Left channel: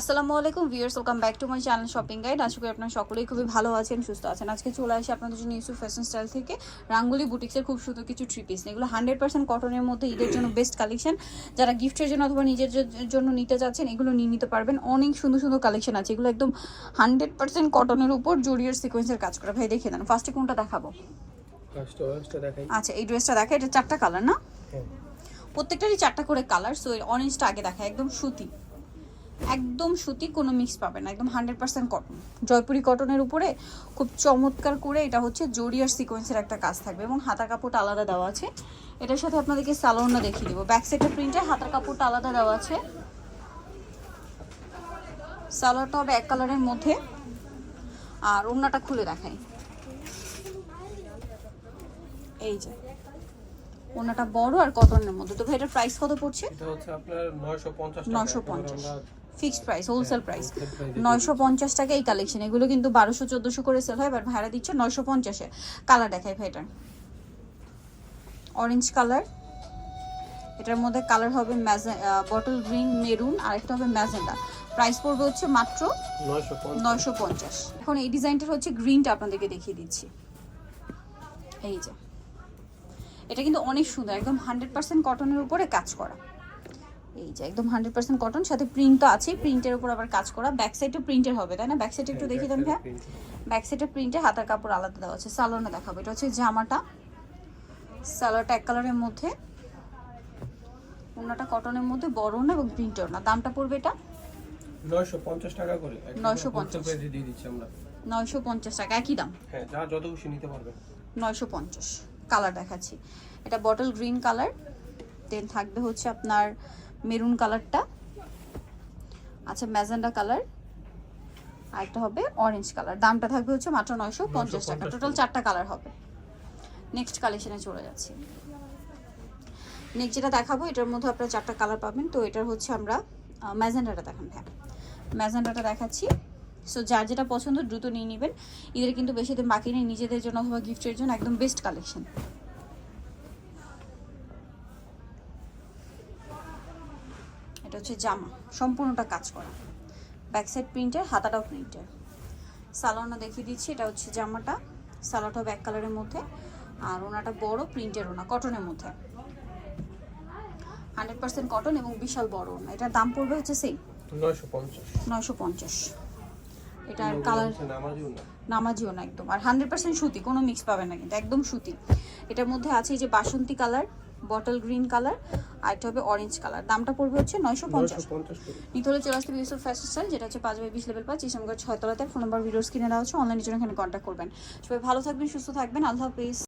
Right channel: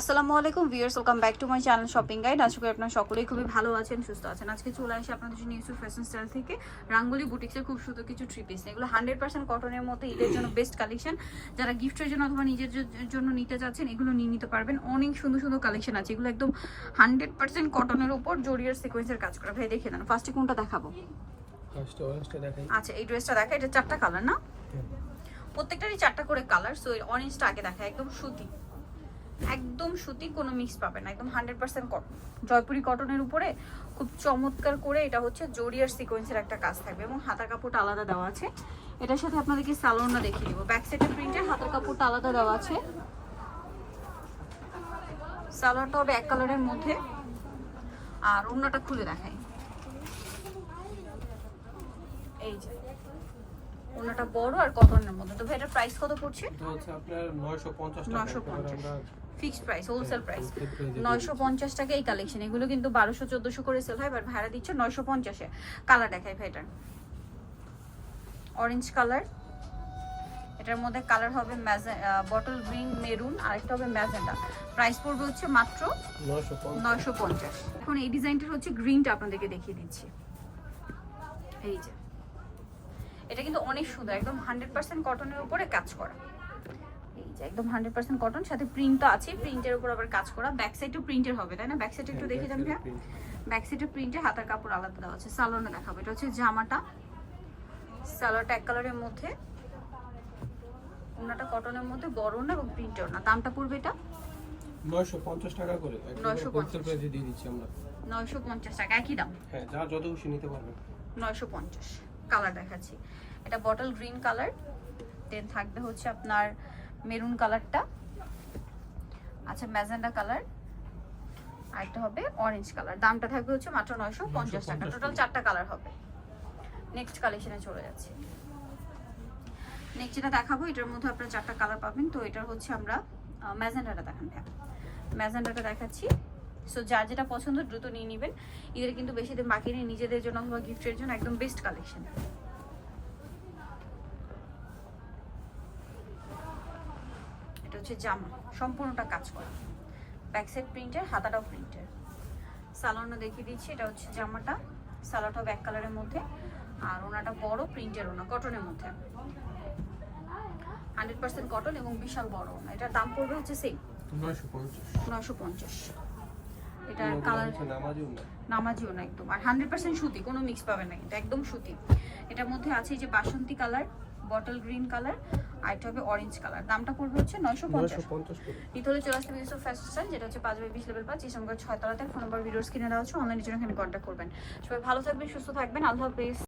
আসসালামু আলাইকুম viewers welcome back to my channel shopping guide. আশা করি আপনারা সকলেই খুবই ভালো আছেন সুস্থ আছেন। আজকে চলে আসি আপনাদের জন্য ইউসুফ ফ্যাশন স্টাইল থেকে রাঙ্গুলি বুটিক্সের খুব সুন্দর কিছু থ্রি পিস এগুলো হান্ড্রেড পার্সেন্ট কটনের মধ্যে ঈদের জন্য বেস্ট কালেকশন যারা গিফটের জন্য অথবা নিজের জন্য নিতে চাচ্ছেন এগুলো নিয়ে নিতে পারবেন। অনেক সুন্দর সুন্দর কালেকশন আছে। এগুলো একদম হান্ড্রেড পার্সেন্ট কটনের উপর জরিয়ার সিকোয়েন্সের কাজ করে। ভাই দেখে দেন। ফার্স্টে কোনটা দেখাবো? আচ্ছা এই ড্রেসটা দেখা। এটা চারটা কালার না? হ্যাঁ। প্রত্যেকটারই চারটা করে কালার সো অরেঞ্জটা আগে দেখা। একদম সুতি। একদম সুতি কোনো মিক্স পাবে না, একদম হান্ড্রেড পার্সেন্ট কটন জয়পুরি কটনের উপরে খুব চমৎকার করে এটা হচ্ছে জরিয়ার সিকোয়েন্সের একটা কাজ থাকবে এবং হাতার কাপড়টা আলাদা দেওয়া আছে। এটার সাথে আপনাদেরকে সালোয়ারটা দেখিয়ে দিব। ব্যাক সাইডের প্রিন্টে হাতার কাপড়টা আলাদা দেওয়া আছে। সালোয়ারটা হবে এক কালারের মধ্যে। আর ওড়নাটা খুলে দেখাই। এই যে। ওড়নাটা বড় আর কটনের মধ্যে। তো ভাই এটার প্রাইস কত পড়ছে? এটা হচ্ছে আপনার 950 টাকা। 950 fixed price wholesale price wholesale price এ নয়শো পঞ্চাশ টাকা এই কালেকশন এগুলো কিন্তু বারোশো চোদ্দশো করে সেল হয় বাট ভাড়া দিচ্ছে নয়শো পঞ্চাশে। কালার দেখায় ভাইটার। অরেঞ্জ কালার এটার মধ্যে কালার হবে বটল গ্রিন মেরুন আর একটা হবে ম্যাজেন্ডা। প্রাইস পড়বে হচ্ছে মাত্র 950 পঞ্চাশ। এখন এই ডিজাইনটার হচ্ছে গ্রিনটা আপনাদেরকে দেখিয়ে দিচ্ছি। এই যে। এটা কিন্তু অনেক সুন্দর একদম হান্ড্রেড পার্সেন্ট কটনের উপরে কাজ করা। এই যে একদম হান্ড্রেড পার্সেন্ট কটন সাথে প্রিন্টটা আছে প্রিন্টের উপর আবার কাজ করা। ব্যাক সাইডও প্রিন্টের হবে তাই না? ব্যাক সাইড একটু দেখি দেন ভাইয়া ব্যাক সাইডে প্রিন্টে হাতার কাপড় আলাদা দেওয়া আছে সালোয়ারটা দেখাবো। এটা হচ্ছে জামাটা। সালোয়ারটা এক কালারের মধ্যে। ওনাটা কটনের মধ্যে বড় না এবং প্রিন্টের না দামটা পড়বে এটা? 950 টাকা করে। 950 হোলসেল দিয়ে দিচ্ছি আমরা। নয়শো পঞ্চাশ টাকা একই দাম? হ্যাঁ যা যত খুশি নিতে পারবেন। নয়শো পঞ্চাশ। কালার দেখাচ্ছি। এটা বটল গ্রিন কালার দেন থাকবে হচ্ছে আপনার মেরুন কালারটা আচ্ছা ম্যাজেন্ডা কালার আর আরেকটা হবে অরেঞ্জ কালার দামটা থাকবে হচ্ছে মাত্র নয়শো পঞ্চাশ টাকা। টোটাল চারটা কালার হবে। নেক্সট কালেকশনে চলে যাচ্ছি। নেক্সট যেটা দেখাবো এটার মধ্যে আপনারা চারটা কালার পাবেন। তো এটার হচ্ছে আমরা ম্যাজেন্ডাটা দেখান ম্যাজেন্ডাটা দেখাচ্ছি। সো যার যেটা পছন্দ দ্রুত নিয়ে নেবেন। এদের কিন্তু বেশি দিন বাকি নেই। নিজেদের জন্য অথবা গিফটের জন্য একদম বেস্ট কালেকশন এটা হচ্ছে জামা। সম্পূর্ণটা কাজ করা। ব্যাক সাইড প্রিন্টের হাতাটাও প্রিন্টের সালোয়ারটা দেখিয়ে দিচ্ছি। এটা হচ্ছে জামাটা। সালোয়ারটা ব্যাক কালারের মধ্যে। আর ওনাটা বড় প্রিন্টের ওনা কটনের মধ্যে। হান্ড্রেড পার্সেন্ট কটন এবং বিশাল বড় ওনা। এটার দাম পড়বে হচ্ছে সেই 950 নয়শো পঞ্চাশ। এটার কালার নামাজিও না। না একদম। আর হান্ড্রেড পার্সেন্ট সুতি কোনো মিক্স পাবে না কিন্তু একদম সুতি। এটার মধ্যে আছে এই যে বাসন্তী কালার বটল গ্রিন কালার আর এটা হবে অরেঞ্জ কালার দামটা পড়বে হচ্ছে নয়শো পঞ্চাশ। 950 করে। নিতে হলে চলে আসতে ইউসুফ ফ্যাশন স্টাইল যেটা হচ্ছে পাঁচ বাই বিশ লেভেল পাঁচ ইসলামগড় ছয়তলাতে ফোন নাম্বার ভিডিওস কিনে নেওয়া হচ্ছে অনলাইনের জন্য এখানে কন্ট্যাক্ট করবেন। সবাই ভালো থাকবেন সুস্থ থাকবেন। আল্লাহ হাফিজ।